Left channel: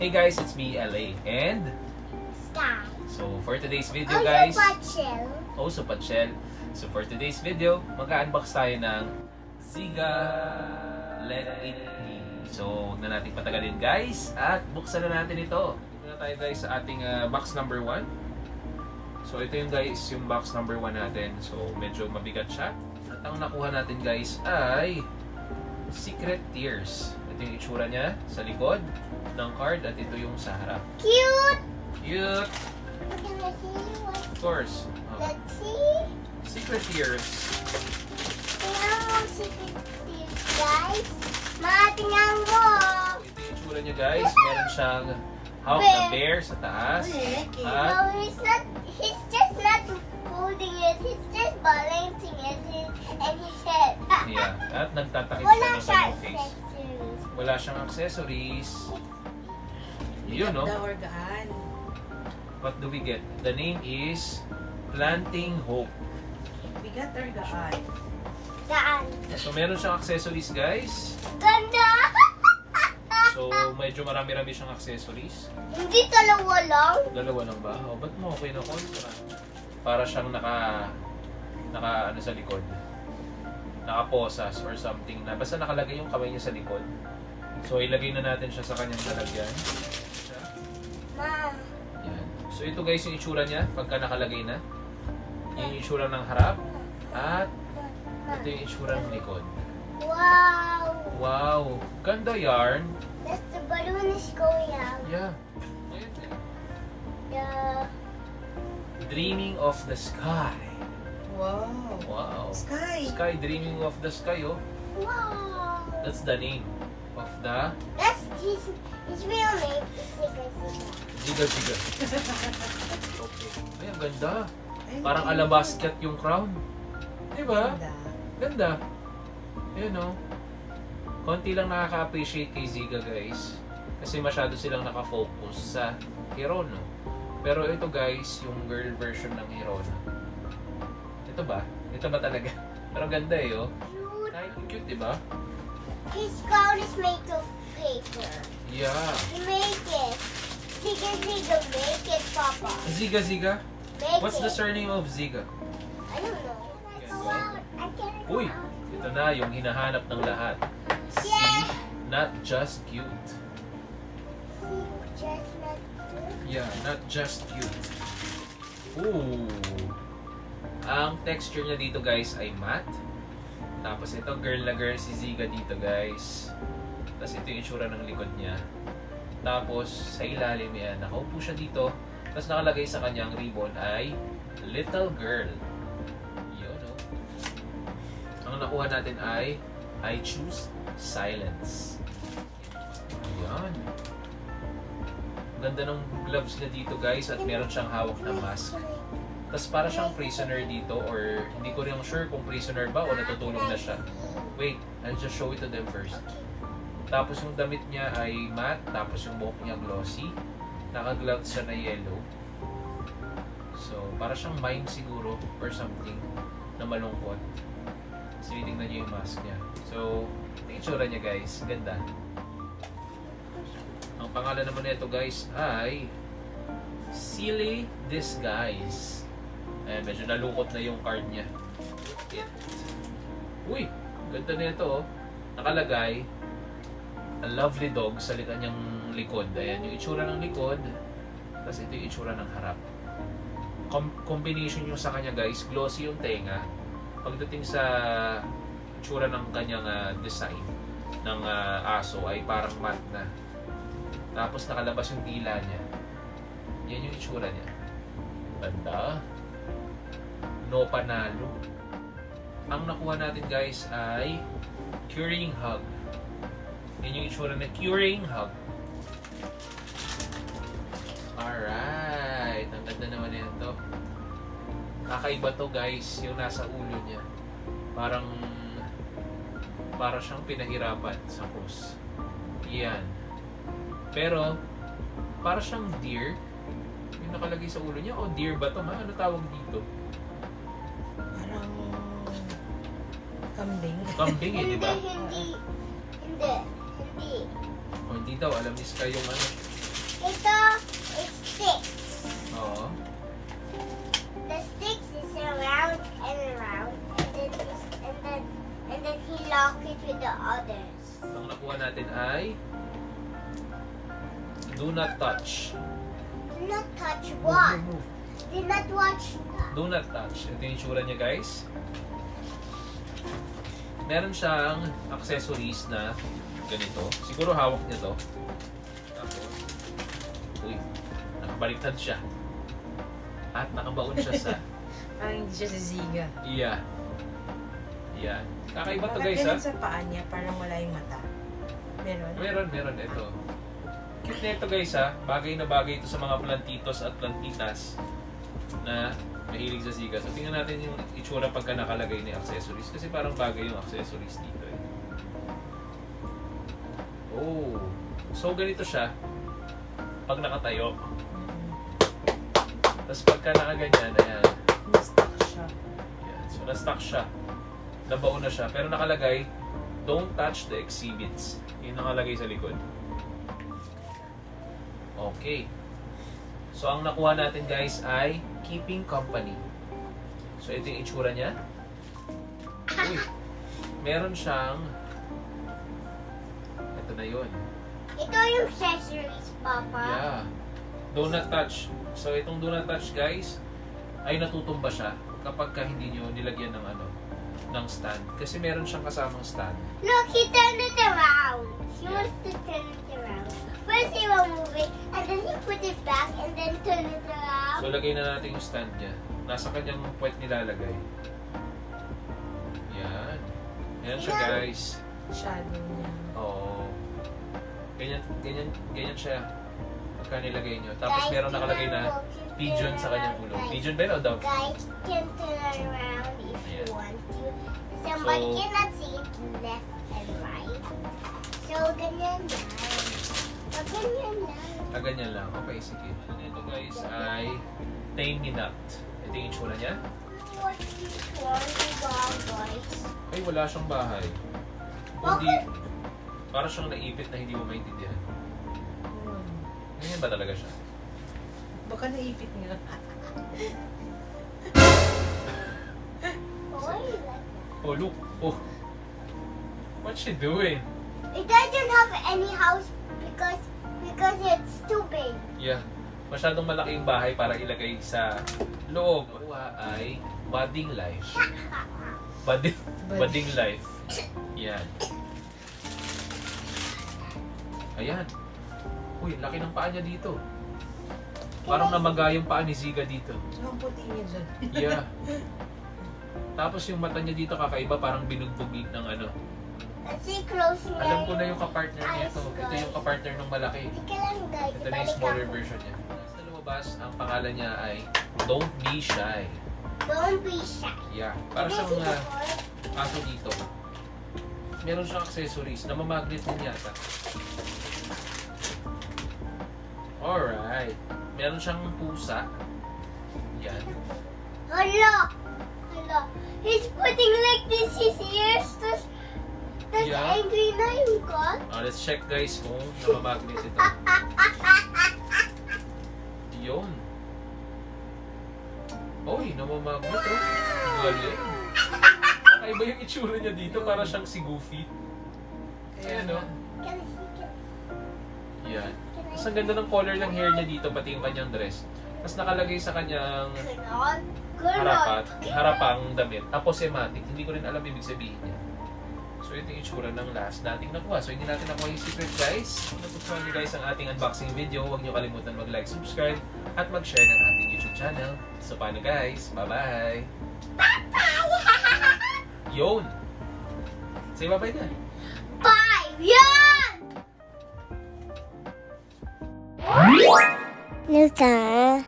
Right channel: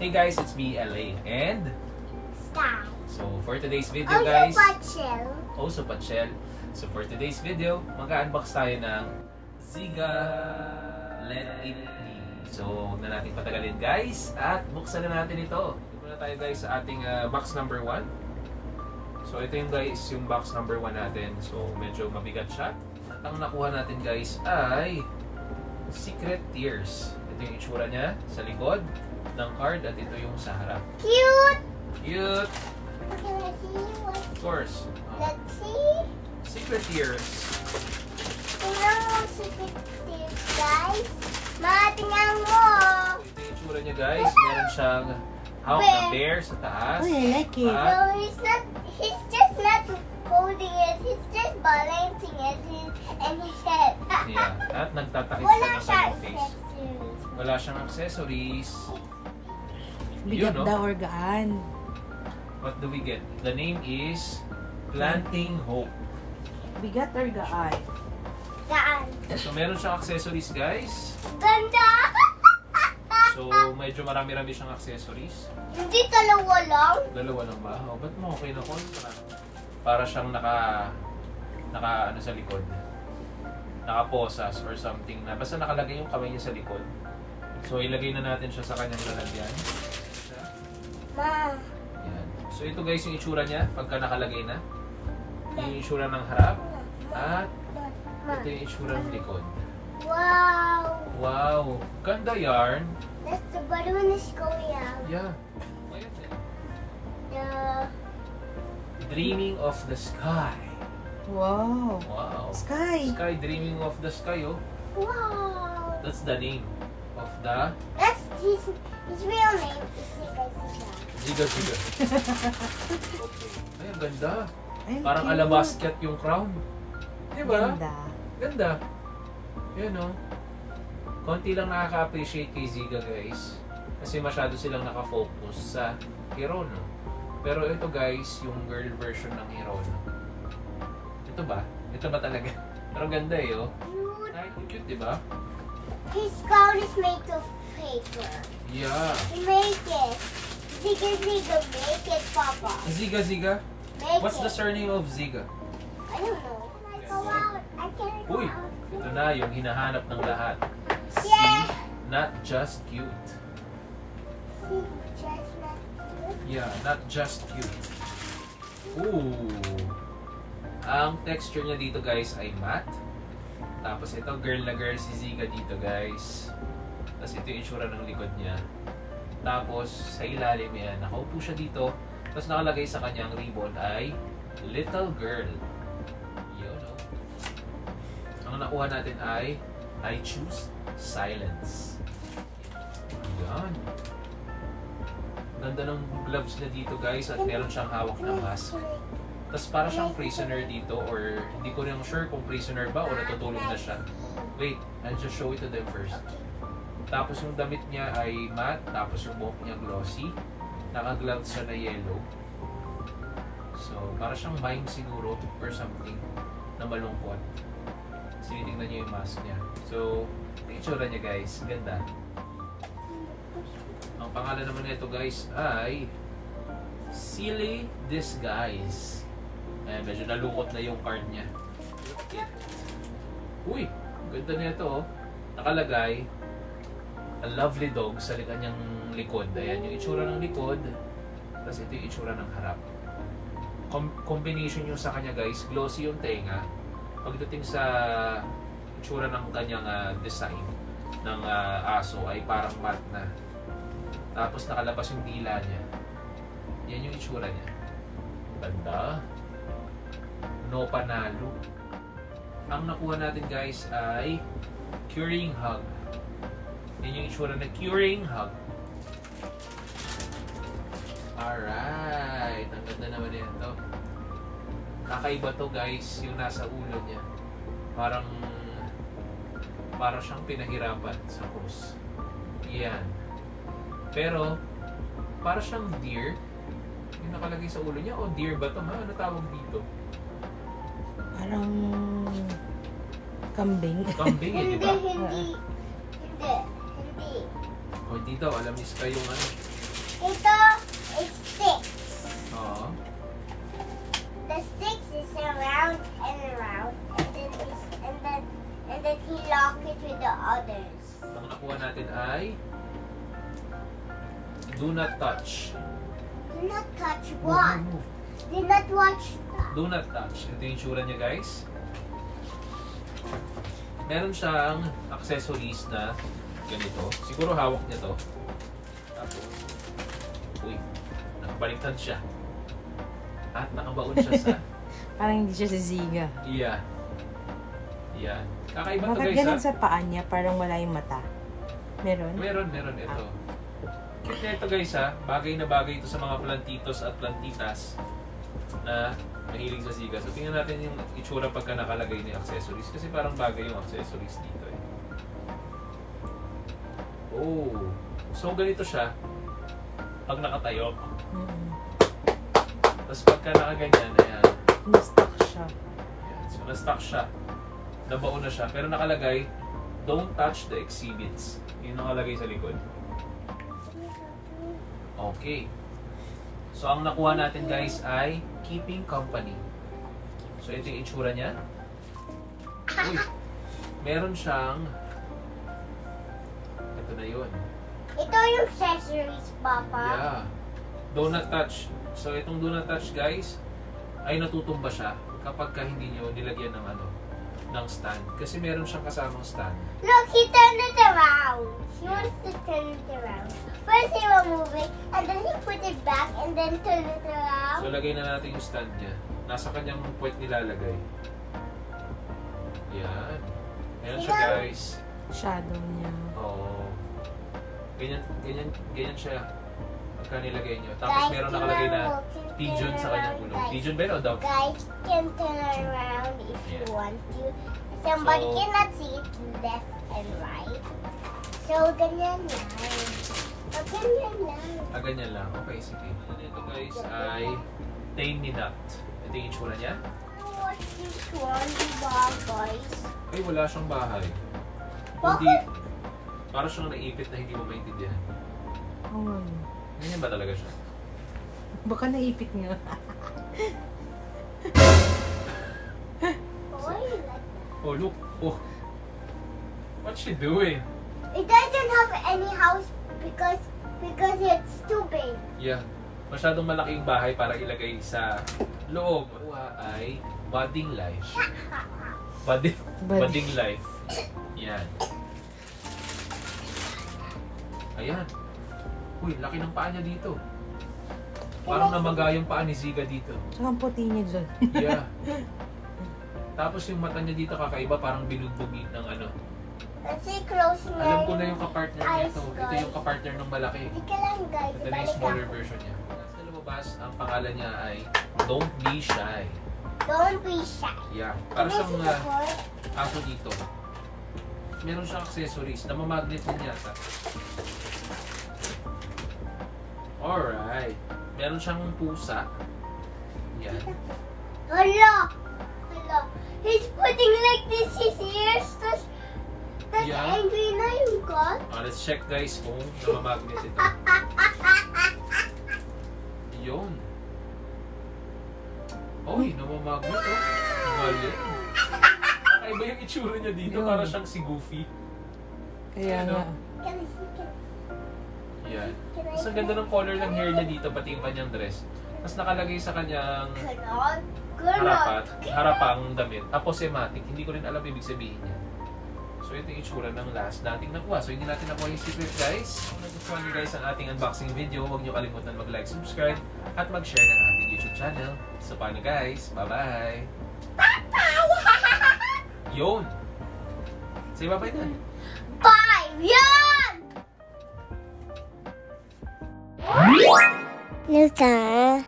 Hey guys, it's me, LA, and Sky. so for today's video guys, Also Patchel. So for today's video, mag-unbox tayo ng Ziga Let It Be. So huwag na natin patagalin guys, at buksan na natin ito. Muna tayo guys sa ating box number 1. So ito yung guys, yung box number 1 natin. So medyo mabigat siya. At ang nakuha natin guys ay Secret Tears. Ito yung itsura niya sa likod ng card at ito yung sa harap. Cute! Cute! Can I see what? Of course. Let's see. Secret Tears. Tingnan secret tears, guys. Mga tingnan mo. Ito yung itsura niya guys. Meron siyang hawak na bear sa taas. No, he's just not holding it. He's just balancing it and his head. Yeah. At nagtatakip Wala siya ng siya kanyang face. accessories. Wala siyang accessories. Yun, no? Dawargaan. What do we get? The name is Planting Hope. Bigat dargaan. Gaan. So meron siyang accessories guys. Ganda! So medyo marami-rami siyang accessories. Hindi dalawa lang. Dalawa lang ba? Oh, ba't mo okay na ko? Para siyang naka ano sa likod. Nakaposas or something na. Basta nakalagay yung kamay niya sa likod. So ilagay na natin siya sa kanyang lalagyan. Ma. Yan. So ito guys yung itsura niya pagka nakalagay na. Yung itsura ng harap. At ito yung itsura ng likod. Wow. Wow! Ganda yarn! That's the balloon is going out. Yeah. Ayan. Yeah. Dreaming of the Sky. Wow. Wow. Sky. Sky, Dreaming of the Sky, oh. Wow. That's the name of the That's his real name. Ziga Ziga. Okay. Ay, ang ganda. Parang alabasket yung crown. Diba? Ganda. Ganda. Yan, oh. Konti lang nakaka-appreciate kay Ziga, guys. Kasi masyado silang nakafocus sa Hirono. Pero ito, guys, yung girl version ng Hirono. Ito ba? Ito ba talaga? Pero ganda eh, oh. Ay, cute, diba? His crown is made of paper. Yeah. He make it. Ziga Ziga, make it, Papa. Ziga Ziga? Make What's it. the surname of Ziga? I don't know. Can I go out? I can't go Uy, out. ito na yung hinahanap ng lahat. Yeah. See? Not just cute. See, just like this. Yeah, not just cute. Ooh. Ang texture niya dito guys ay matte. Tapos ito girl na girl si Ziga dito guys. Tapos ito yung itsura ng likod niya. Tapos sa ilalim yan, nakaupo siya dito. Tapos nakalagay sa kanyang ribbon ay Little Girl. Yun, no? Ang nakuha natin ay I Choose Silence. Ayan. Ganda ng gloves niya dito guys at meron siyang hawak na mask. Tapos para siyang prisoner dito or hindi ko rin sure kung prisoner ba o natutulog na siya. Wait, I'll just show it to them first. Tapos yung damit niya ay matte, tapos yung buhok niya glossy. Naka-gloves siya na yellow. So, para siyang mime siguro or something na malungkot. So, tingnan niyo yung mask niya. So, yung itsura niya guys, ganda. Ang pangalan naman nito guys ay Silly Disguise. Ayan, medyo nalukot na yung card niya. Uy, ganda nito oh. Nakalagay a lovely dog sa kanyang likod. Ayan yung itsura ng likod. Tapos ito yung itsura ng harap. Combination yung sa kanya guys. Glossy yung tenga. Pagdating sa itsura ng kanyang design ng aso ay parang matte na. Tapos nakalabas yung dila niya. Yan yung itsura niya. Ganda. No panalo. Ang nakuha natin guys ay Curing Hug. Yan yung itsura na Curing Hug. Alright. Ang ganda naman ito. Kakaiba to guys. Yung nasa ulo niya. Parang siyang pinahirapan sa cross. Yan. Pero para siyang deer. Yung nakalagay sa ulo niya. O deer ba to? Ano tawag dito? Parang kambing. Kambing eh, di ba? Hindi. O hindi daw, alam ni Sky yung ano. ay do not touch. Do not touch Move, what? move, move. Do not watch that. Do not touch. Ito yung itsura niya, guys. Meron siyang accessories na ganito. Siguro hawak niya to. Tapos, uy, nakabaliktad siya. At nakabaon siya sa Parang hindi siya si Ziga. iya. Yan. Kakaiba to, Bakit guys, ha? ganun sa paa niya? Parang wala yung mata. Meron? Meron. Ito. Cute na ito, guys, ha? Bagay na bagay ito sa mga plantitos at plantitas na mahilig sa siga. So, tingnan natin yung itsura pagka nakalagay ni accessories. Kasi parang bagay yung accessories dito, eh. Oh. So, ganito siya pag nakatayo. Tapos pagka nakaganyan, ayan. Na-stuck siya. Ayan. So, na-stuck siya. Nabaon na siya. Pero nakalagay, don't touch the exhibits. Yung nakalagay sa likod. Okay. So, ang nakuha natin, guys, ay keeping company. So, ito yung itsura niya. Uy, meron siyang... Ito na yun. Ito yung accessories, Papa. Yeah. Do not touch. So, itong do not touch, guys, ay natutumba siya kapag ka hindi nyo nilagyan ng ng stand. Kasi meron siyang kasamang stand. Look, he turned it around. He wants to turn it around. First he will move it, and then he put it back, and then turn it around. So, lagay na natin yung stand niya. Nasa kanyang puwet nilalagay. Yan. Ayan siya, guys. Shadow niya. Oo. Ganyan siya. Pagka nilagay nyo. Tapos meron nakalagay na pigeon sa kanyang ulo. Pigeon ba yun o dove? Guys can turn around if you want to. Somebody So- cannot see it left and right. So, ganyan lang. So, ganyan lang. Ganyan lang. Okay, sige. Ito, guys, ay tame ni Nut. Ito yung itsura niya. What this one, diba, guys? Ay, wala siyang bahay. Bakit? Hindi. Para siyang naipit na hindi mo maintindihan. Oh. Ganyan ba talaga siya? Baka naipit nga. Oh, I like that. Oh, look. Oh. What's she doing? It doesn't have any house because it's too big. Yeah. Masyadong malaki yung bahay para ilagay sa loob. Kuha ay budding life. Budding life. Yan. Ayan. Uy, laki ng paa niya dito. Parang namaga yung paa ni Ziga dito. Ang puti niya dyan. Yeah. Tapos yung mata niya dito kakaiba, parang binugbog ng Kasi close na Alam ko na yung kapartner nito. Ito yung kapartner ng malaki. Hindi ka lang, guys. Ito na yung smaller version niya. Sa lumabas, ang pangalan niya ay Don't Be Shy. Don't be shy. Yeah. Para Can I siyang see the boy? aso dito. Meron siyang accessories na mamagnet din yata. Alright. Meron siyang pusa. Yan. Hala! He's putting like this his ears. That's Yeah. angry na yung cat. Let's check, guys, kung namamagnet ito. Yun. Oy, namamagnet oh. Galing. Ay ba yung itsura niya dito? Para siyang si Goofy. Kaya Ano? nga. Can I see? Yan. Mas ang ganda ng color ng hair niya dito, pati yung kanyang dress. Mas nakalagay sa kanyang harapang damit. Aposematic. Hindi ko rin alam ibig sabihin niya. So, ito yung itsura ng last nating nakuha. So, hindi natin nakuha yung secret, guys. Kung nagustuhan nyo, guys, ang ating unboxing video, huwag nyo kalimutan mag-like, subscribe, at mag-share ng ating YouTube channel. So, paano, guys? Bye-bye! Yun! Say bye-bye na. Five! Yan! Luta.